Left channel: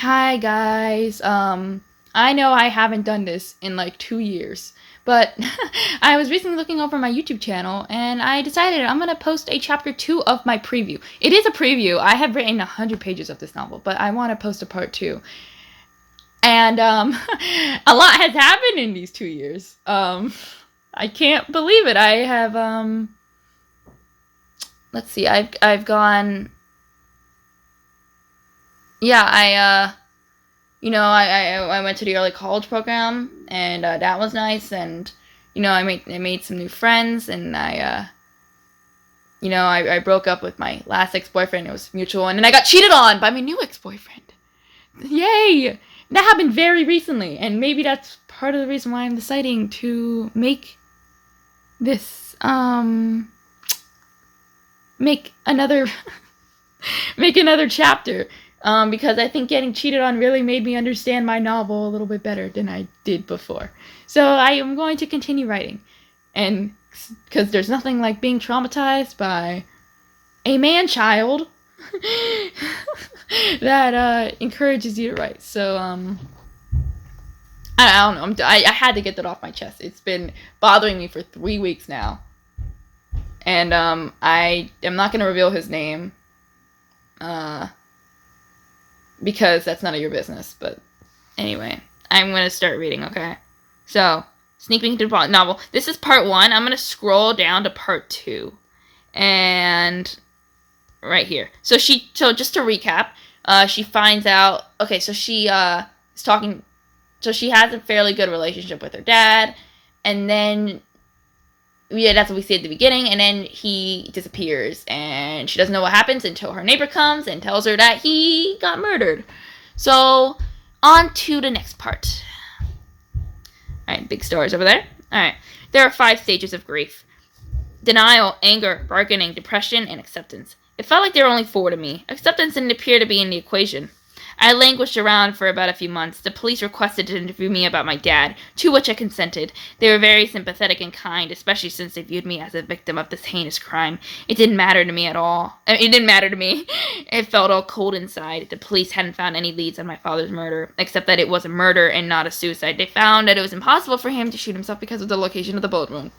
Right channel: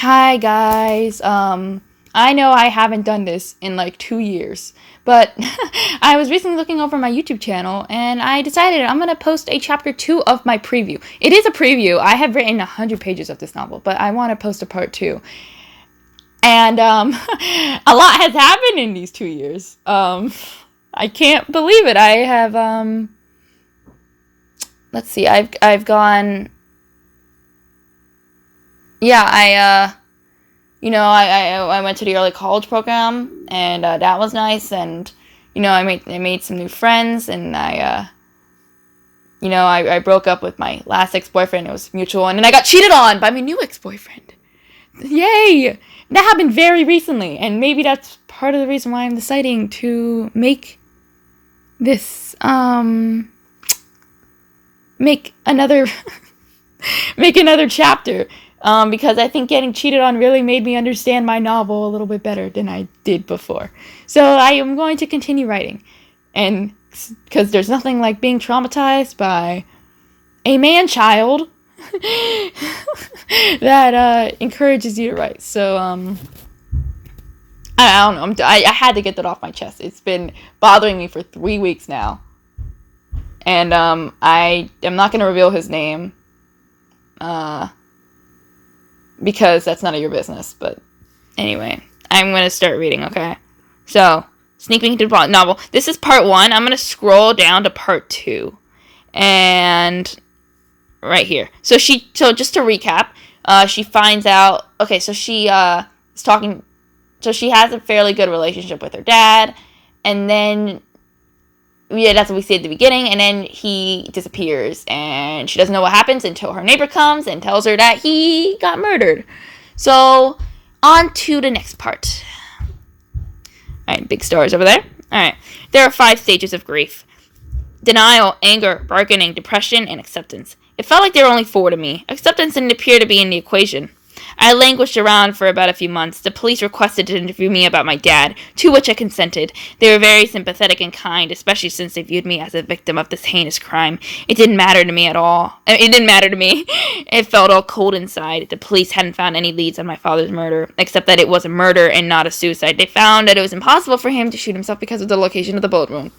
Hi guys. I know I haven't done this in like 2 years, but I was recently looking over my YouTube channel and I decided I'm gonna post a chapter 2 of my preview. It is a preview. I have written 100 pages of this novel, but I want to post a part 2. And a lot has happened in these 2 years. I can't believe it. I have let's see. I've gone. Yeah, I went to the early college program, and that was nice. And I made some new friends, and I broke up with my last ex-boyfriend. It was mutual, and then I got cheated on by my new ex-boyfriend. Yay! That happened very recently, and maybe that's part of the reason why I'm deciding to make this make another make another chapter. Because I think getting cheated on really made me understand my novel a little bit better than I did before. So I am going to continue writing. And because there's nothing like being traumatized by a man-child that encourages you to write. So, I don't know. I had to get that off my chest. It's been bothering me for 3 weeks now. And I am not going to reveal his name. Because that's none of your business. But anyway, I'm going to start reading, okay? So, sneaking into the novel. This is part 1. I'm going to scroll down to part 2. And right here. So just to recap, she finds out, okay, so she is talking, so she has a fairly good relationship with her dad. And then, yeah, that's what we see at the beginning, and then he disappears, and she doesn't know what happens until her neighbor comes and tells her that he got murdered. So, on to the next part. Alright, big stars over there. Alright, there are 5 stages of grief. Denial, anger, bargaining, depression, and acceptance. It felt like there were only 4 to me. Acceptance didn't appear to be in the equation. I languished around for about a few months. The police requested to interview me about my dad, to which I consented. They were very sympathetic and kind, especially since they viewed me as a victim of this heinous crime. It didn't matter to me at all. It didn't matter to me. It felt all cold inside. The police hadn't found any leads on my father's murder, except that it was a murder and not a suicide. They found that it was impossible for him to shoot himself because of the location of the bullet wound.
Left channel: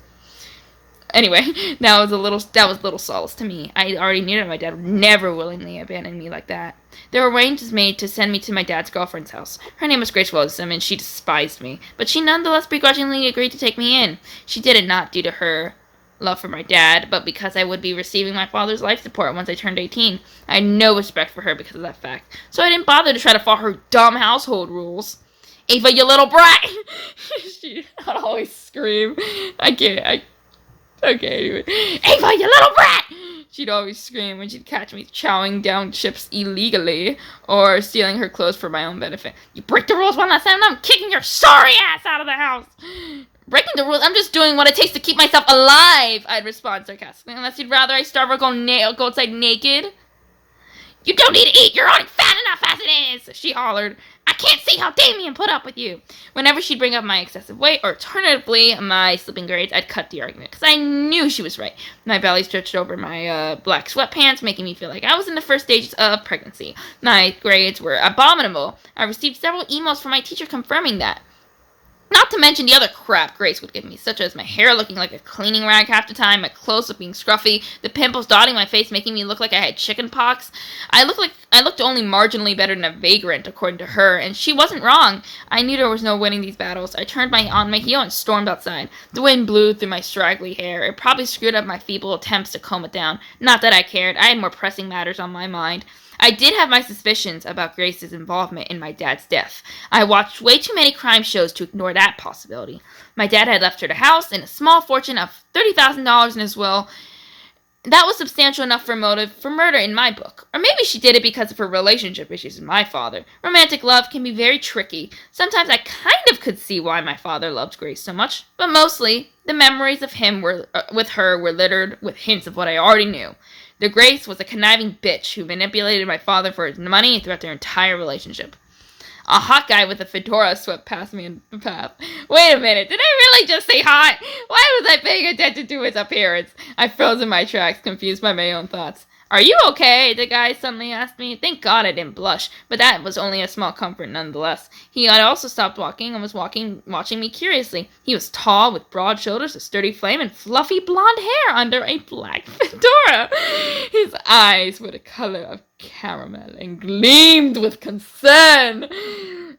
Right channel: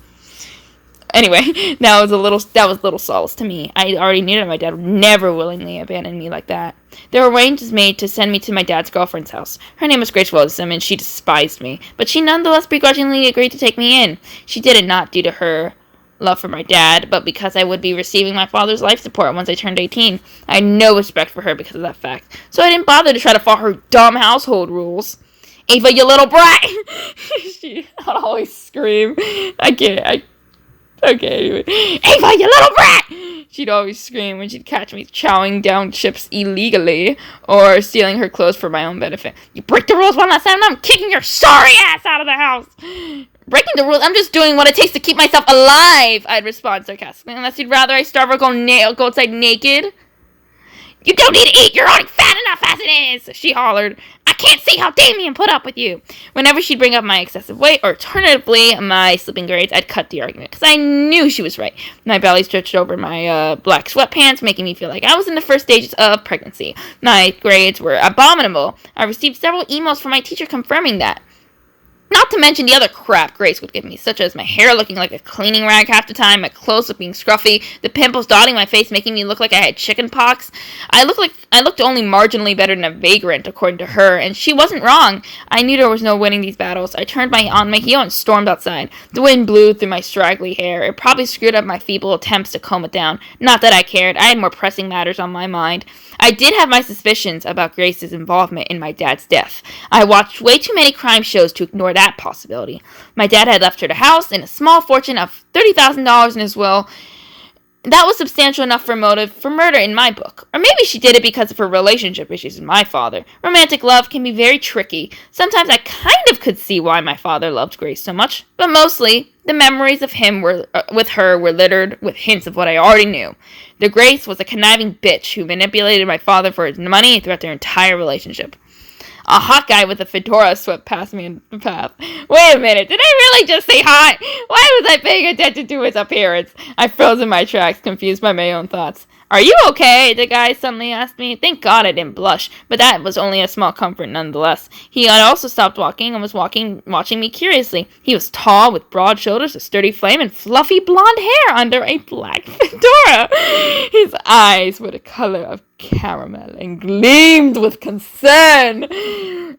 Anyway, that was little solace to me. I already knew that my dad would never willingly abandon me like that. There were arrangements made to send me to my dad's girlfriend's house. Her name was Grace Wilson, and she despised me, but she nonetheless begrudgingly agreed to take me in. She did it not due to her love for my dad, but because I would be receiving my father's life support once I turned 18. I had no respect for her because of that fact, so I didn't bother to try to follow her dumb household rules. Ava, you little brat! She would always scream. Okay, anyway. Ava, you little brat! She'd always scream when she'd catch me chowing down chips illegally or stealing her clothes for my own benefit. You break the rules one last time, I'm kicking your sorry ass out of the house! Breaking the rules? I'm just doing what it takes to keep myself alive, I'd respond sarcastically, unless you'd rather I starve or go outside naked. You don't need to eat, you're already fat enough as it is, she hollered. I can't see how Damien put up with you. Whenever she'd bring up my excessive weight, or alternatively, my sleeping grades, I'd cut the argument, because I knew she was right. My belly stretched over my black sweatpants, making me feel like I was in the first stages of pregnancy. My grades were abominable. I received several emails from my teacher confirming that. Not to mention the other crap Grace would give me, such as my hair looking like a cleaning rag half the time, my clothes looking scruffy, the pimples dotting my face making me look like I had chicken pox. I looked only marginally better than a vagrant, according to her, and she wasn't wrong. I knew there was no winning these battles. I turned on my heel and stormed outside. The wind blew through my straggly hair. It probably screwed up my feeble attempts to comb it down. Not that I cared. I had more pressing matters on my mind. I did have my suspicions about Grace's involvement in my dad's death. I watched way too many crime shows to ignore that possibility. My dad had left her the house and a small fortune of $30,000 in his will. That was substantial enough for motive for murder in my book. Or maybe she did it because of her relationship issues with my father. Romantic love can be very tricky. Sometimes I kind of could see why my father loved Grace so much, but mostly the memories of him with her were littered with hints of what I already knew. The Grace was a conniving bitch who manipulated my father for his money throughout their entire relationship. A hot guy with a fedora swept past me in the path. Wait a minute, did I really just say hot? Why was I paying attention to his appearance? I froze in my tracks, confused by my own thoughts. "Are you okay?" the guy suddenly asked me. Thank God I didn't blush, but that was only a small comfort nonetheless. He had also stopped walking and was watching me curiously. He was tall, with broad shoulders, a sturdy frame, and fluffy blonde hair under a black fedora. His eyes were the color of caramel and gleamed with concern.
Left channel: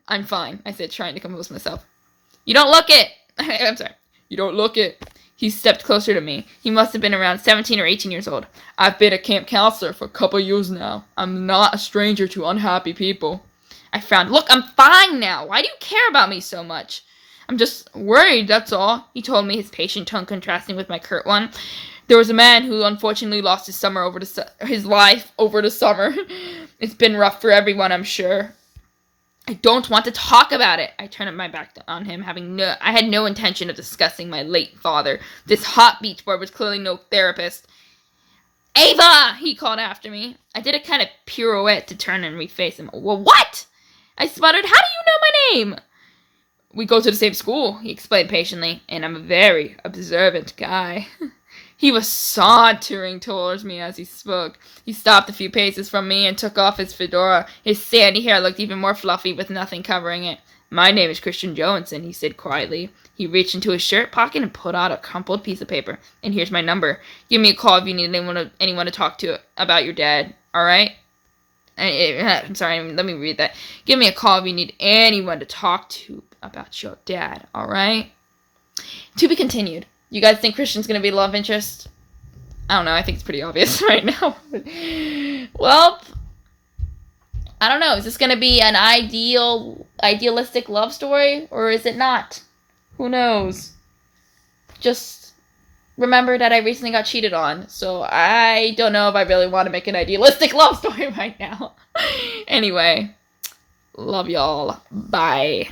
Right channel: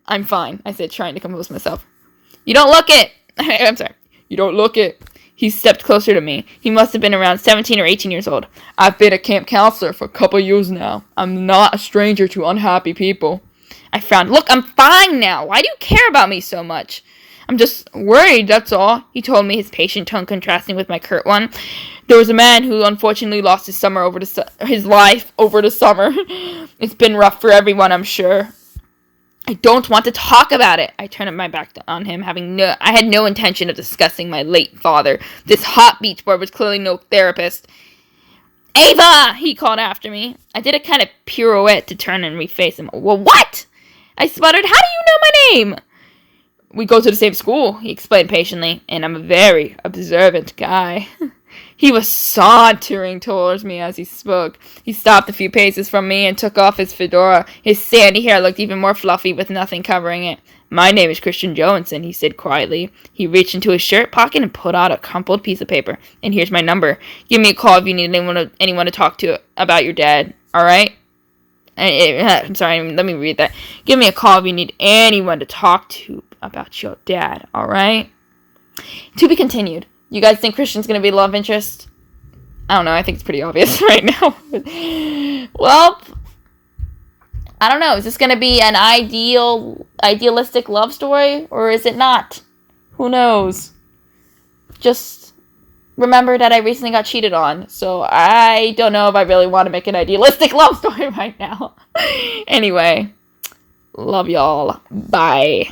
"I'm fine," I said, trying to compose myself. "You don't look it." I'm sorry. "You don't look it." He stepped closer to me. He must have been around 17 or 18 years old. "I've been a camp counselor for a couple years now. I'm not a stranger to unhappy people." I frowned. "Look, I'm fine now. Why do you care about me so much?" "I'm just worried, that's all," he told me, his patient tone contrasting with my curt one. "There was a man who unfortunately lost his life over the summer. It's been rough for everyone, I'm sure." "I don't want to talk about it." I turned my back on him, I had no intention of discussing my late father. This hot beach boy was clearly no therapist. "Ava!" he called after me. I did a kind of pirouette to turn and reface him. "Well, what?" I sputtered. "How do you know my name?" "We go to the same school," he explained patiently, "and I'm a very observant guy." He was sauntering towards me as he spoke. He stopped a few paces from me and took off his fedora. His sandy hair looked even more fluffy with nothing covering it. "My name is Christian Johansson," he said quietly. He reached into his shirt pocket and pulled out a crumpled piece of paper. "And here's my number. Give me a call if you need anyone to talk to about your dad, all right?" I'm sorry, let me read that. "Give me a call if you need anyone to talk to about your dad, all right?" To be continued. You guys think Christian's going to be love interest? I don't know. I think it's pretty obvious right now. Well, I don't know. Is this going to be an idealistic love story, or is it not? Who knows? Just remember that I recently got cheated on, so I don't know if I really want to make an idealistic love story right now. Anyway, love y'all. Bye.